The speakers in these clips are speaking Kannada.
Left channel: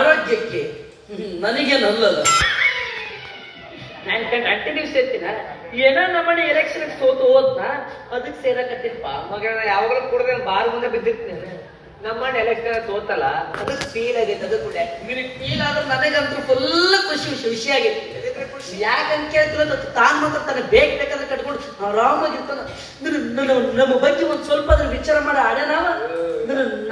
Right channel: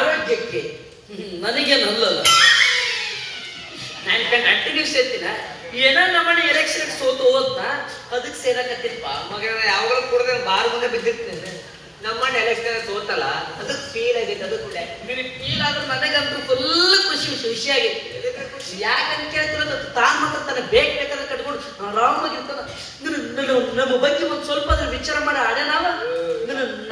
ಆರೋಗ್ಯಕ್ಕೆ ನನಗೇನಲ್ಲಲ್ಲ. ನಾನು ಕಂಟಿನ್ಯೂ ಸೇರ್ತೀನ ಏನೋ ನಮ್ಮನೆ ಎಲೆಕ್ಷನ್ ಸೋತು ಹೋದ್ನ ಅದಕ್ಕೆ ಸೇರಕತ್ತಿಲ್ಪ ಮಗ ಯಾವಾಗಲೂ ಕುಡ್ದ ಬಾರ್ ಮುಂದೆ ಬಿದ್ದಿರ್ತೇನೆ. ನಮ್ಮಣ್ಣ ಎಲೆಕ್ಷನ್ ಸೋತಲ್ಲ ಅದಕ್ಕೆ ಫೀಲ್ ಆಗೈತೆ. ಅದು ಕೂಡ ಫೀಲ್ ಆದ್ರೆ ನನಗಂತೂ ಫುಲ್ ಖುಷಿಯಾಗಿತ್ತು. ಯಾಕಂತ ಕೇಳಿದ್ರೆ ತಾನು ಮಾತ್ರ ತನ್ನ ಬೇಕಾದ್ರೆ ಕಟ್ಕೊಂಡು ಆರಾಮಾಗಿರ್ತಾನ. ನಮ್ಮ ಬಗ್ಗೆ ಒಂದು ಸ್ವಲ್ಪ ಅದ್ರ ವಿಚಾರ ಮಾಡೋ ಅಡೆ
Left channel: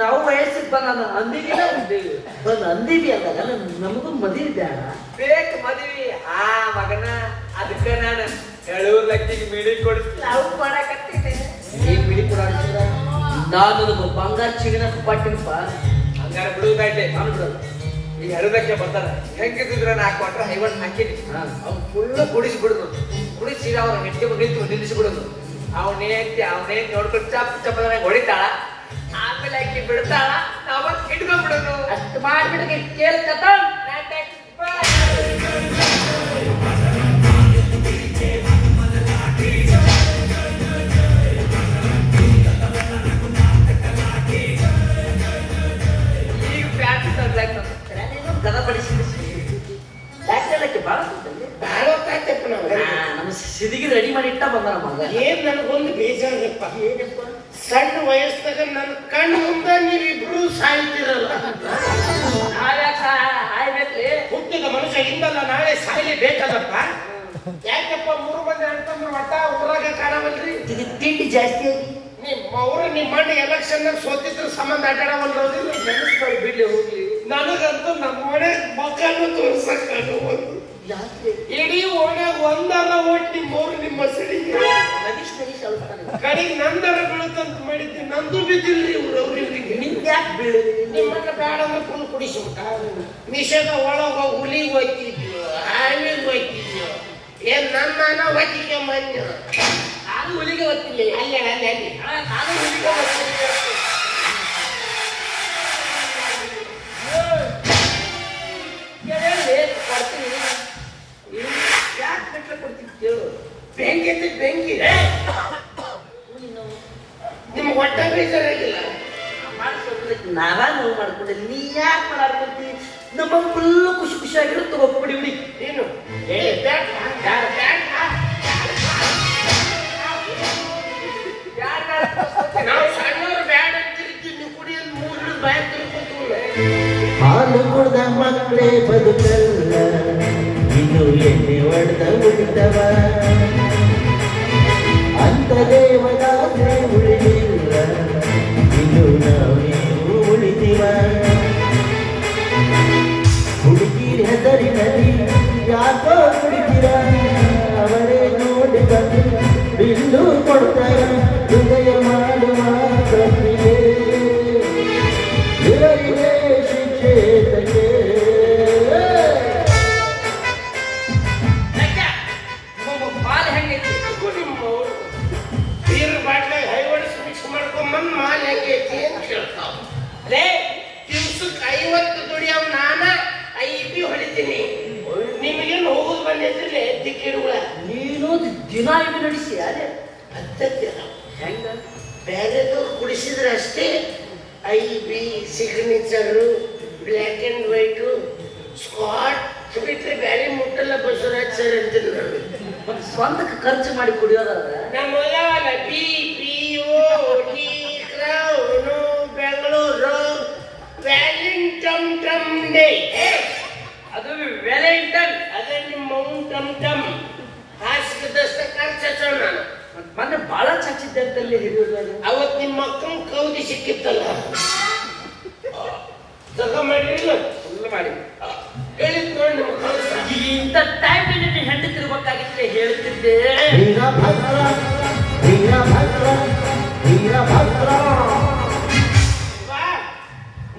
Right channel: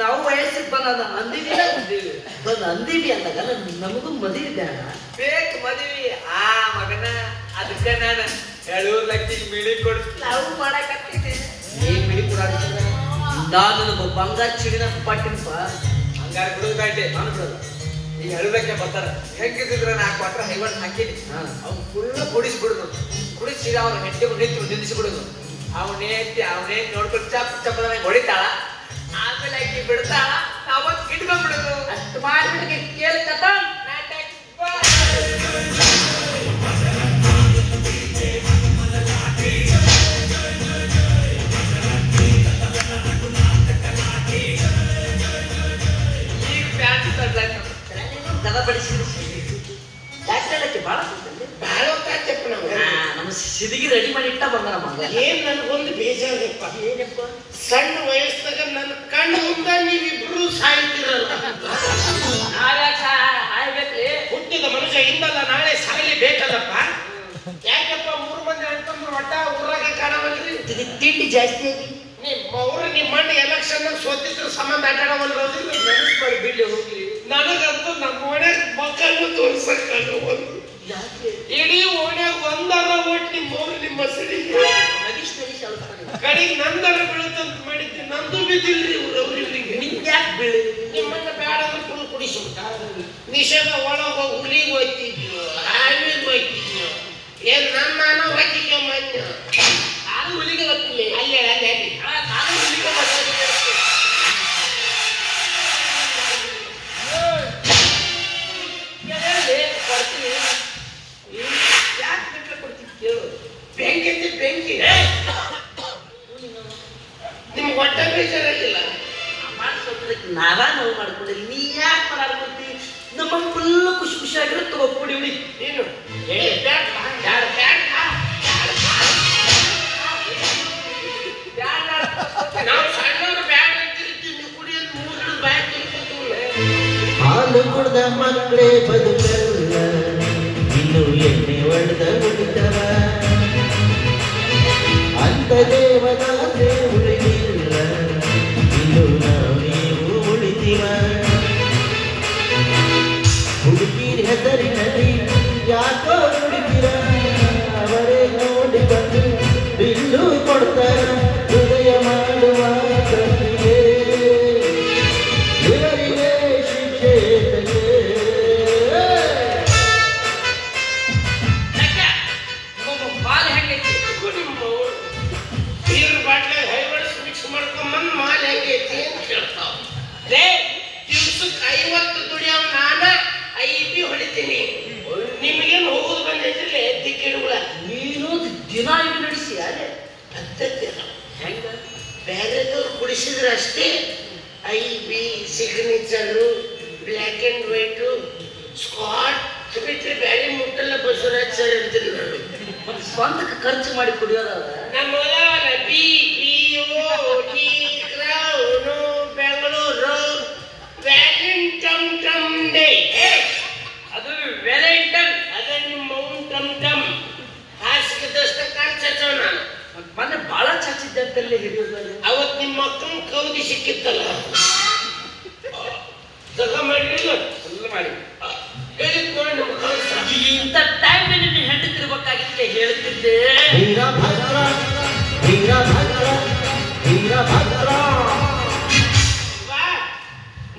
ನಾವು ವಯಸ್ಸಿಗೆ ಬಂದ ಅಂದಿವಿ ಅಂದಾಗ ನಮಗೂ ಮದುವೆ ಬೇಡ ಬೇಕು ಮದುವೆ ಆ ಮಗನ. ಅದಕ್ಕೆ ನಾನು 7 ಲಕ್ಷ ಮಿಳಿ ಕೊಡಿಸ್ತೀನಿ ನಾವು ಮಾಡಕತ್ತಿದ್ದೆ. ಏನ್ ಬಿಡಿ ಕೂಡ ನಾನು ನಮ್ಮ ಬಂಗಾರ ಚಿಗನ ಪಟ್ಟಿನಪ್ಪ ಹಂಗಾರೆ ಬಿಡುವುದಾಯ್ತೆ. ನಾನು ಬಿಡಲ್ಲ. ಈ 7 ಲಕ್ಷ ಬರ್ತಾರ ಹೆಂಗಿದ್ರೆ 4 ಕ್ವಾರ್ಟರ್ ಹೈವರ್ಡ್ ಹಾಕಿನಿ. ಅವ್ನು ಫುಲ್ ಕುಡಿಸ್ಬಿಡುದು. ಕುಡಿಸಿ ಅವ್ನ ನೆಟ್ಟಿಗೆ ನಿಲ್ಲಿಸ್ಬಿಡುದು. ಅವನೇ ನೋಡ್ಕೊಂಡು ಚಪ್ಪದ ಹೊಡಿತಾಳ. ಆಮೇಲೆ ಹಾಕಿ ಬಿಡ್ತಾಳ. ಅವತ್ತು ಇಟ್ಕೊಂಡ್ಬಿಡುದು. ಅಷ್ಟು ಮಾಡ್ಬಿಟ್ಟು ಕೇಳ್ಕತ್ತ ಜನ ಬಡಿಸಿದ ಯಾಕೆ ಭಾಳ ನಮ್ಮ ಸಿದಿಗೆ ರೆಡಿ ಮಾಡಿ ಇಟ್ಟ ಬಂದ ನಮಗ. ಏನ್ ನನಗೊಂದು ಬೇಜಾರಪ್ಪ. ಏನಪ್ಪ ಸಣ್ಣ ವಯಸ್ಸಾಗ ನನ್ನ ಕಣ್ಣು ಮುಂದೆ ನೀವಿಬ್ರು ಸಾಯ್ತಿರಲ್ಲ. ಹುಟ್ಟಿದ ಮನುಷ್ಯ ಹಿಂದಲ್ಲ ನಾಳೆ ಸಾಯ್ಲೇಬೇಕಲ್ಲಪ್ಪ. ಯಾಕಪ್ಪ 3 ಮಂದಿ ಅಣ್ತಂದ್ರು ಒಟ್ಟ ಊರಾಗ ಕಾಣವಲ್ರಿ. ತಿಂಡಿ ಜಾಸ್ತಿ ಆಗಿ ನಿಮ್ಮ ಮಣ್ಣು ಎಲೆಕ್ಷನ್ ಸೋತಿದ್ರ ಸಂಬಂಧ ಆಟಾಡವಲ್ರೋದಿಲ್ಲ. ನೆನೆಸ್ಬಾರ್ದು ಬಿಡ್ಲಿ ಹೋಗ್ಲಿ. ನನಗಂತೂ ನಮ್ಮ ಮನೆ ಮಕ್ಕಳು ತೋರ್ಸಕ್ಕಾಗವಲ್ದು. ಇಡೀ ಓಣ್ಯಾಗ ಒಂದರ ಒಟ್ಟಿ ಹೋಗಿ ನಿಮ್ಮ ಸರಿಗೆ ಕಡೆಗೆ ನಂದರ ಬೀಳುತ್ತಂತ ಮಾಡಿದ್ದೆ. ನಂದು ಬಿದ್ದಿಲ್ರಿ ಅವ್ರಿಗೆ. ನಿಮ್ಗೆ ಯಾಕೆ ಬೀಳಿ ನಿಮ್ಮನ್ನ ಬೇಡ ಅಂದ್ರೆ ಫುಲ್ ಕುಡಿಸ್ಬಿಟ್ಟ. ನಿಷೇಧ ಒಳಗ ಹುಲಿಗೆ ಹೋಯ್ತಿದ್ಯೋ ಹಾವಿಗೆ ಹೋಯ್ತಿದ್ಯೋ ಏನ್ ನಾನು ಹೋಯ್ತಿದ್ಯೋ ಮನ್ಯ ನಾನು ಹುಲಿಗೆ ಗೊತ್ತಿಲ್ಲ. ಅಲ್ಲೇ ನಾನು ಹುಲಿಗೆ ಗೊತ್ತಿಲ್ಲ. ಕೊಡ್ತೀನಿ ಯಾಕೆ ಬೇಕಾದ್ರೆ ಕೊಡ್ತಿದ್ಯೋ. ಬೆಂಕಿ ನಿಮ್ಗೆ ಹೊಟ್ಟೆ ಬೇಜಾರಾಗಿಲ್ಲ. ನಾವ ನೋವು ಮಾಡ್ಕೊಂಡಿಲ್ಲ. ನೀ ಯಾಕೆ ಮಾಡಾಡ್ಕೊಳ್ತಿ? ನಮ್ಮ ಫುಲ್ ಖುಷಿಯಾಗಿರೋ ತಗೋಬಿಡಿ ಬಿಡಿ. ಏನು ನಾವು ಸಣ್ಣವ್ರು ಬ್ಯಾಡ ಅಂತಿರ್ತೀವಿ. ಕುಡಿಯೋದು 3 ಬ್ಯಾಗ್ ತಿರ್ಕೊತೀವಿ. ಹಾಲು ಕುಡ್ದ ಮಕ್ಕಳೇ ಬದುಕಲ್ಲ, ಇನ್ನು ಎಣ್ಣೆ ಹೊಡೆದ ಉಳಿತವ ಅಂತ ದೇವದಾಸೆ ಉಳಿದಿಲ್ಲ, ಇನ್ನು ನಾವೇನು ಉಳಿದಿವ. ಹುಡುಗಿರಿ ಹೆಸರಿನಲ್ಲಿ ಯಾಕೋ ಹುಡುಗಿರ ಅವರೇ ನೋಡಿ ಬಂದು ಬಿಲ್ಲು ಕೊಡ್ತಾರ ಹೃದಯ ಮಾಡುವ ಕೃತಿಗೆ ಇವರಿಗೆ ಶಿಕ್ಷೆ ಹಾಲು ಹೆಂಗೈತಿ? ಬೀರ್ ಬಾಟ್ಲಾಗ ಹೈವರ್ಸ್ ಮಿಕ್ಸ್ ಮಾಡ್ಕೊಂಬಂದು ಮಾಲ್ ಹೆಂಗೈತಿ ಅಂತ ಕೇಳ್ತಾವ. ದಿವ್ಸಕ್ಕೆ 50 ದುಡಿಯವ್ ನಾನ 5 ಹೊಡಿತೀನಿ. ನಿಮಗೇನು ಹೋಗುದು ಬಂದೈತಿಲ್ಲ ದಿಕ್ಕಿಡುಗಳ. ನೀನು ದಿನ ಇದು ನಡೆಸಿ ಯಾರೇ ಹೆಂಗ ಬೇರೆದವ್ರು ಕುಡಿಸಿದ್ರೆ ಅಷ್ಟೇ. IB signature black and white Scott ಬಿಟ್ಟರೆ ಬೇರೆ ಮುಟ್ಟಲ್ಲ. ಬಸವರಾಜ್ ಸರ್ ಹೇಳ್ತೀನಿ ನಾನು. ಸ್ವಂತಕ್ಕೆ ಖರ್ಚು ಮಾಡಿ ಕುಡಿಯೋದಾದ್ರೆ ನಮ್ಮ ಬೆಂಗಳೂರು ವ್ಯಾಲೆಂಟೈನ್ ಟಮ್ ಡೇ. ಅದು ವ್ಯಾಲೆಂಟೈನ್. ಅದೇ ನಿಮ್ಮ ಮೌನ್ ಟಮ್ ಟಮ್ ಹಾಸಿಗೆದಷ್ಟ ಕಾಣಿಸೋ ನಾನು. ಮೊನ್ನೆ ಬಹಳ ಚಾಚಿದ್ದೆ ಅಂತಲ್ಲಿ ಹಿಡಿಯೋದು. ಅವತ್ತು ನಿಮ್ಮ ಮಕ್ಕಳು ಕೌದಿ ಸಿಕ್ಕಿತ್ತಲ್ಲ ತಗೊಂಡಿಲ್ಲ ಫುಲ್ ಮಾಡಿ ಹೇಳಿದ್ ನೋಡಿ ನಮ್ಮ ಕಳ್ಸ. ಇಂಥ ಟೈಮ್ನಲ್ಲಿ ನೀನು ಹೆಂಡತಿರ್ಬೇಕಾಗಿದ್ರೆ ಹೇಳ್ತಿದ್ದೆ. ವೀರಭದ್ರ ವೀರಭದ್ರ ವೀರಭದ್ರ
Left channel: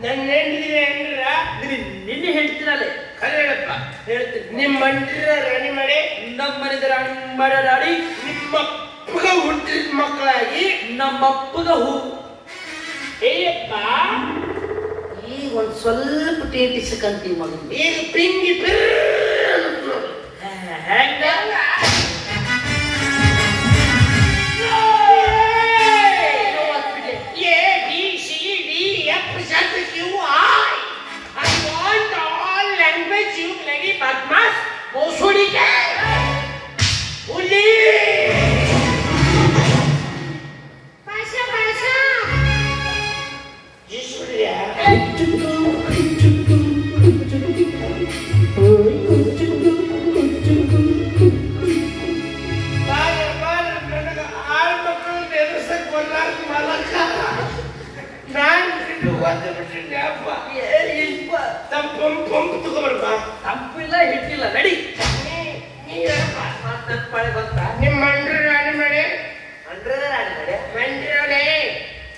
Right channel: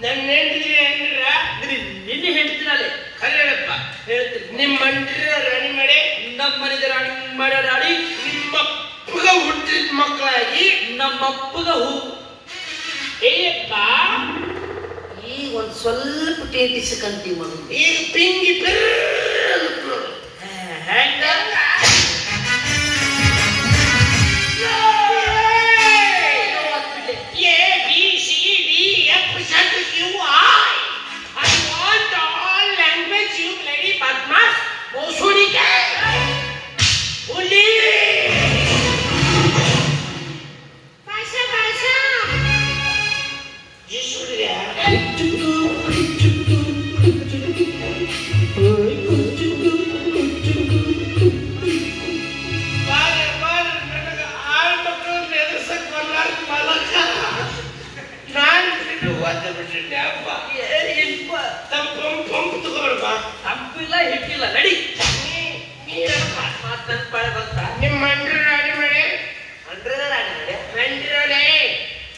ನನ್ನ ಹೆಂಡ್ರಿ ಏನಿಲ್ಲ ನಿನ್ನೆ ಹೇಳ್ತೀನಲ್ಲೇ ಖರೆ ಹೇಳಪ್ಪ. ಹೇಳ್ತೀನಿ. ನಿಮ್ಮ ಮಂಡ್ರಿಯ ರಾಣಿ ಮಾಡಿ ನಮ್ಮ ಮನೆದ ರಾಣಿ ಮಾಡಾಡಿ ನಿಮ್ಮ ಅಪ್ಪಗ ಹುಟ್ಟಿದ ಮಕ್ಕಳಾಗಿ ನಮ್ಮ ಅಪ್ಪಗ ಹೂ ಏಯಪ್ಪ ಈಗ ಒಂದು ಸ್ವಲ್ಪ ಟೇಟಿಸ್ಕಂತೀವಿ ಮಗ. ಈಗ ಪಿಂಗಿ ನೋಡಿ ಹೆಂಗ A B C D F Z Q I want ನನ್ನ ಪಾಳೆ ಬಂತ ನಿಮ್ಮ ಮಂಡ್ರ ರಾಣಿ ಮಾಡಿ ಅಂಡ್ರೆನ ರಾಣಿ ಮಾಡಿ ಮಂಡ್ರನೇ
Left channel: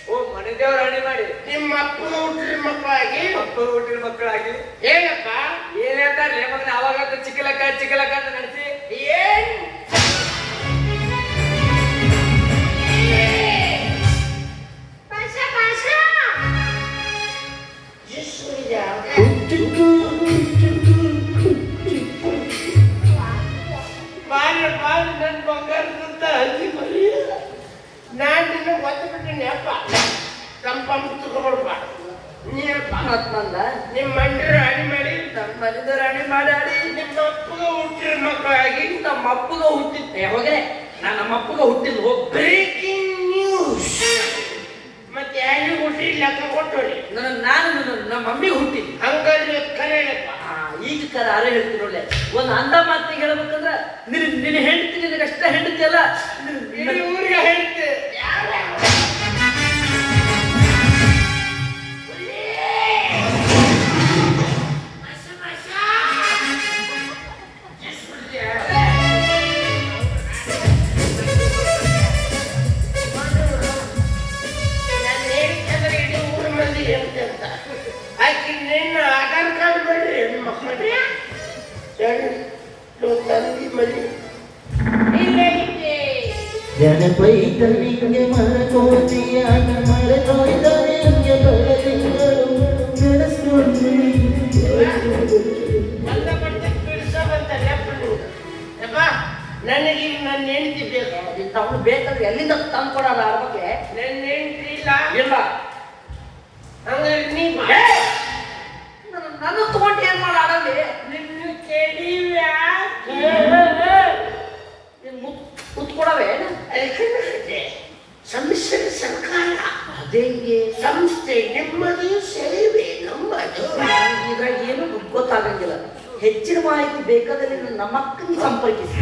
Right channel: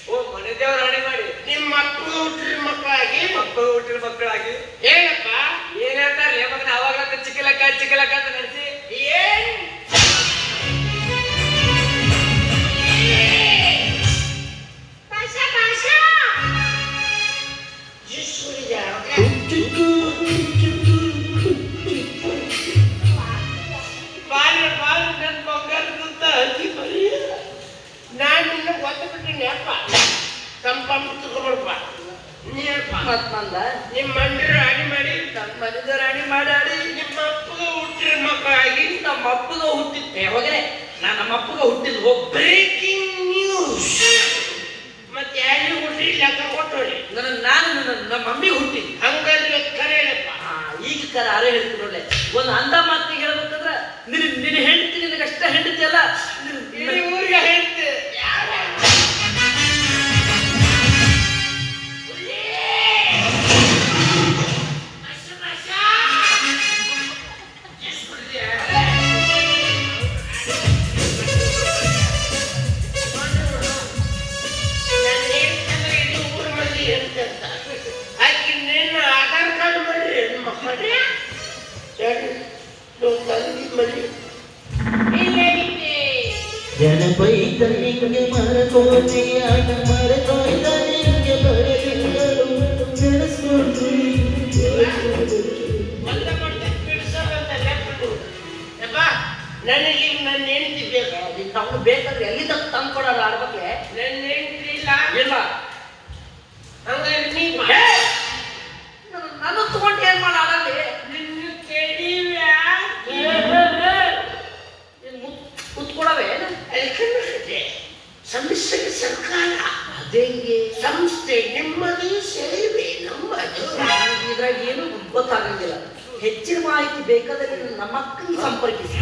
ಓ ಮನೆ ದೇವ್ರ ರಾಣಿ ಮಾಡಿ ನಿಮ್ಮ ಅಪ್ಪ ಹುಟ್ಟಿದ ಮಕ್ಕಳಾಗಿ ಅಪ್ಪ ಹುಟ್ಟಿದ ಮಕ್ಕಳಾಗಿ ಏನಪ್ಪ ಏನ್ ಹೇಳ್ತಾರೆ ಮಗನ ಅವಾಗ ಚಿಕ್ಕಲಕ್ಕ ಅಂತ ನಡೆಸಿ ಏನ್ ನನ್ ಬಂಗಾರದಂತ ಹಂದಿ ಮರಿ ನಾನು ನಿನ್ನ ಒತ್ತಬಿಟ್ಟಿನಿ ಅಪ್ಪ ಕಂಪಂಪ್ ತಗೊಬರ್ಪ ನೀನಪ್ಪ ಮತ್ನಂದ ನಿಮ್ಮ ಮಂಡ್ರ ರಾಣಿ ಮಾಡಿ ನನ್ನ ಮನೆದ ರಾಣಿ ಮಾಡಾಡಿ ನಿಮ್ಮ ಅಪ್ಪಗ ಹುಟ್ಟಿದ ಮಕ್ಕಳಾಗಿ ನಮ್ಮ ಅಪ್ಪಗ ಹುಟ್ಟಿದ್ದೆ ಹೋಗ್ರೆ ನಾನು ನಮ್ಮ ಅಪ್ಪಗ ಹುಟ್ಟಿದ್ ಹೋಗ್ ಬ್ರೇಕಿಂಗ್ ನ್ಯೂಸ್ ಮತ್ತೆ ಯಾರಿಗೂ ಹುಟ್ಟಿಲ್ಲ ಕೊಟ್ಟೋಳಿ ನಾನು ನಮ್ಮ ಮಮ್ಮಿಗೆ ಹುಟ್ಟಿದ್ ಹಂಗಾದ್ರೆ ಕರೆ ಹೇಳಪ್ಪ ಈಗ ತರ ಅರೆ ಹೇಳ್ತೀನಿ ಒಳ್ಳೆ ಒಂದು ಅಂದ ಮಾತಿಗೆ ಹೇಳ್ಬೇಕಂದ್ರ ನಿನ್ನ ಹೆಂಡತಿ ನಿನಗಷ್ಟ ಹೆಂಡತಿ ಅಲ್ಲ ಇಡೀ ಊರಿಗೆ ಹೇಳ್ತೆ ಜನಪೈತನಿಗೆ ಮರಕೋಟೆಯಾಗ ಮರಕಾಯ್ದನಿಗೆ ಬರಲಿಂಗರು ನಡೆಸ್ಕೊಡ್ತೀನಿ ನನಗೆ ನನ್ನ ಹೆಂಡತಿ ಬೇಕು ಅವ್ನು ಬೇಕಾದ್ರೆ ಎಲ್ಲಿಂದ ತಂದು ಕೊಡಲ್ಲ ಅದ್ರ ಬಗ್ಗೆ ನನ್ನ ಹೆಂಡತಿ ಇಲ್ಲ ಇಲ್ಲ ಹಂಗಾರೆ ನೀ ನಾನು ತಗೊಂಡು ಏನ್ ಮಾಡ ಆಡಲ್ಲಿ ನಿನ್ನ ಕೆಡಿವ್ಯಾ ಕುತ್ಕೊಡವೆ ಅದಕ್ಕೆ ಸಮ್ಮಿಶ್ರ ಸರ್ಕಾರ ಅದೇಂಗೆ ಸಂಸ್ಥೆ ನಿಮ್ಮದು ಸೇವೆ ನಮ್ಮದು ಇದ್ರಾಗ ಏನು ಗೊತ್ತಾಗಂಗಿಲ್ಲ ಹೆಚ್ಚಿನ ಮಾಹಿತಿ ಬೇಕಾದಲ್ಲಿ ನಮ್ಮ ಅಕ್ಕನಿಗೆ ಸಂಪರ್ಕಿಸಿ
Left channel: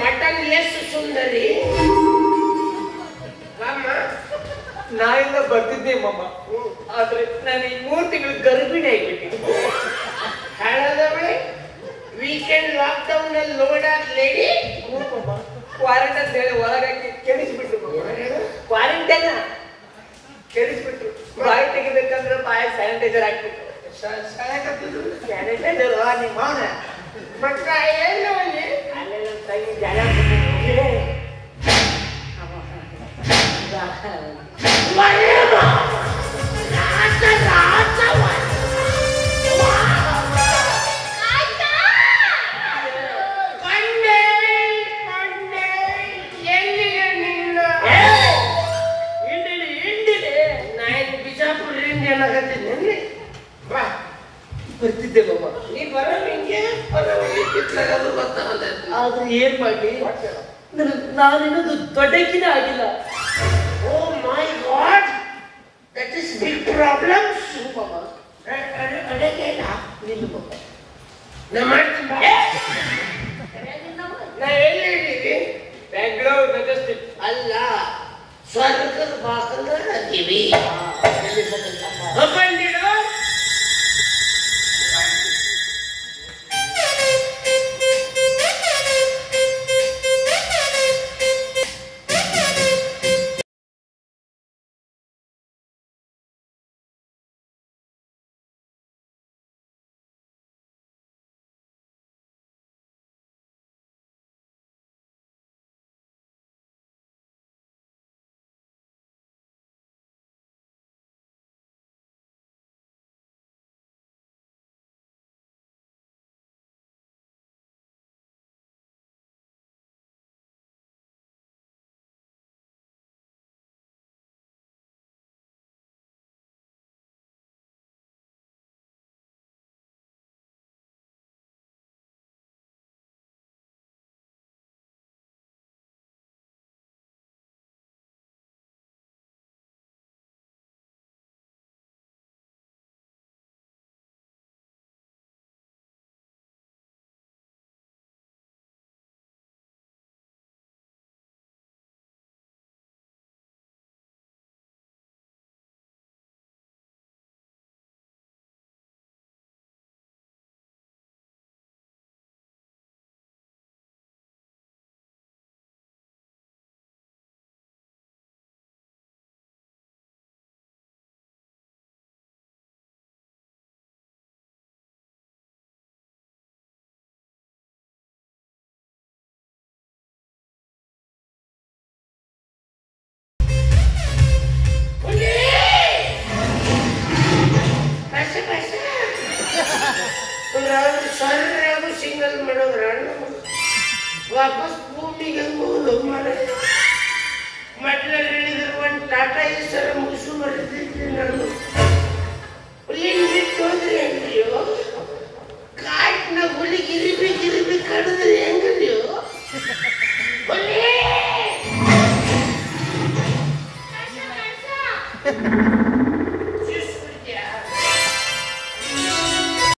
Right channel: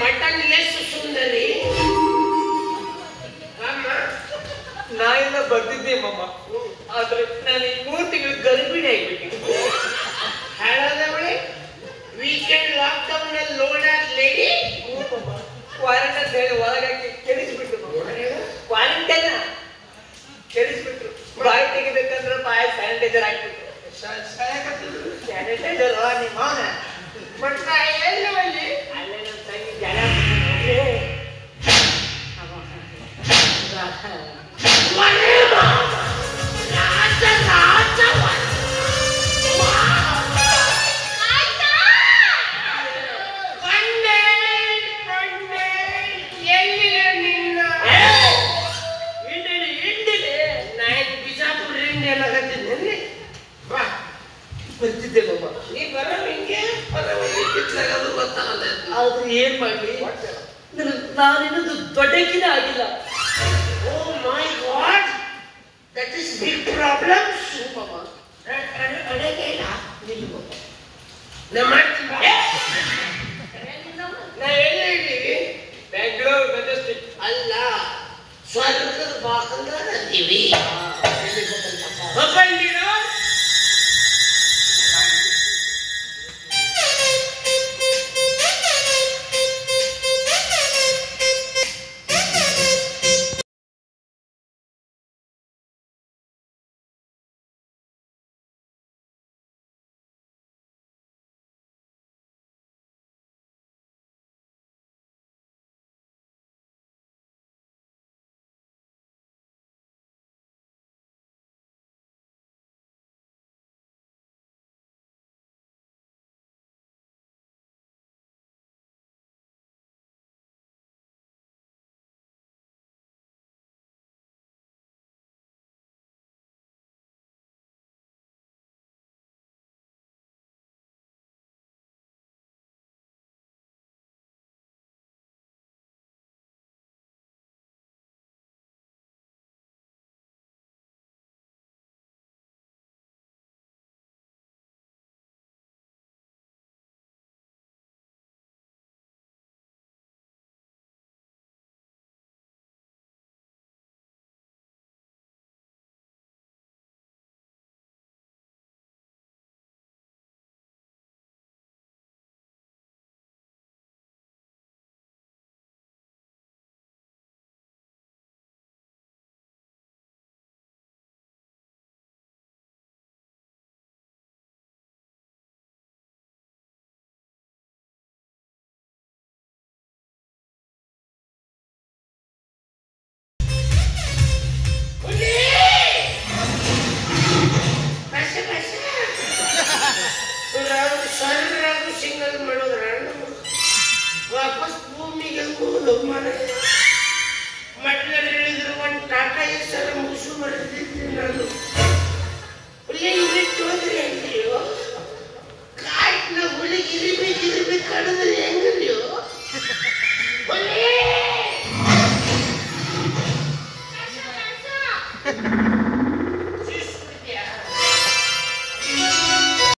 ಮಟನ್ ಎಷ್ಟು ಸುಂದರಿ ನಾಯಿಂದ ಬರ್ತಿದ್ದೆ ಮಮ್ಮ ಆದ್ರೆ ನಾನು ಈ 3 ತಿಂಗಳು ಗರ್ಭಿಣಿ ಆಗ್ಬಿಟ್ಟಿದ್ದೆ ಹೇಳದವಳೆ ವೀಕೆಂಡ್ ಲಾಕ್ಡೌನ್ ಅಲ್ಲಿ ಲೋಡಾದ ಲೇಡಿ ಕ್ವಾರಂಟೈನ್ ಹೇಳಿ ಒಳಗಾಕಿ ಕೆಡಿಸ್ಬಿಟ್ರು ಕ್ವಾರಂಟೈನ್ ಕೆಡಿಸ್ಬಿಟ್ರು ಬಾಯಿ ತೆಗಿಬೇಕಂದ್ರೆ ಬಾಯಿ ಸ್ಯಾನಿಟೈಸರ್ ಹಾಕ್ಬಿಟ್ರು ಸ್ಯಾನಿಟೈಸರ್ ನಿಮ್ಮ ಅವನ ಬಟ್ ಎಲ್ಲೋ ಅಲ್ಲಿ ಅಲ್ಲೇ ನಮ್ಮ ತಂಗಿ ಜನ ಬರ್ತಿದ್ದೆ ಬಾಬಾ ನೀ ಬರೋ ಹಿಂಗೆ ಆದ್ರೆ ಏನ್ ಮಾಡ್ಲಿ ನಾನಿನ್ನದು ದೊಡ್ಡಕ್ಕಿನೇ ಆಗಿಲ್ಲ oh my god that is big problems ಬಾಬಾ ಅಡಗಿಲ್ಲ ನಿಲ್ಲ ಬಾಬಾ ನಾ ಮಾಡ್ತೀನಿ ಬಾ. ನಾ ಎಲ್ಲಿ ಇದ್ದೀವಿ ಬೆಂಗಳೂರು ಮೆಜೆಸ್ಟಿಕ್ ಅಲ್ಲ ಸ್ವರ್ಗದ ಬಾಕಂದ್ರೆ ಅದೀವಿ ಒಬ್ಬಂದಿರೋ ಸರ್ರಾಗೂ ಸಿಂಗಲ್ ಮಾಡೋದ್ರ ವಾಪಸ್ ಭೂಮಿಗೆ ಹೋಗೋದು ಮನೆ ಮಟ್ಲಲ್ಲಿ ಇಳಿದ್ರೆ ಒಂದು ಟಾಟಾ ಹೆಸರು ಮುಗಿಸು ಬರೆದಿದ್ರಿ ನಾನು ಹುಲಿ ಬಿಟ್ಟು ಹೋದ್ರಿ ಹೆಂಗ್ರಿಯೋ ಕಾಟ್ನ ಹುಲಿ ಗಿರಿಬಿ ಕಡಿದ್ರಿ ಹೆಂಗ್ರಿಯೋ ಹುಲಿ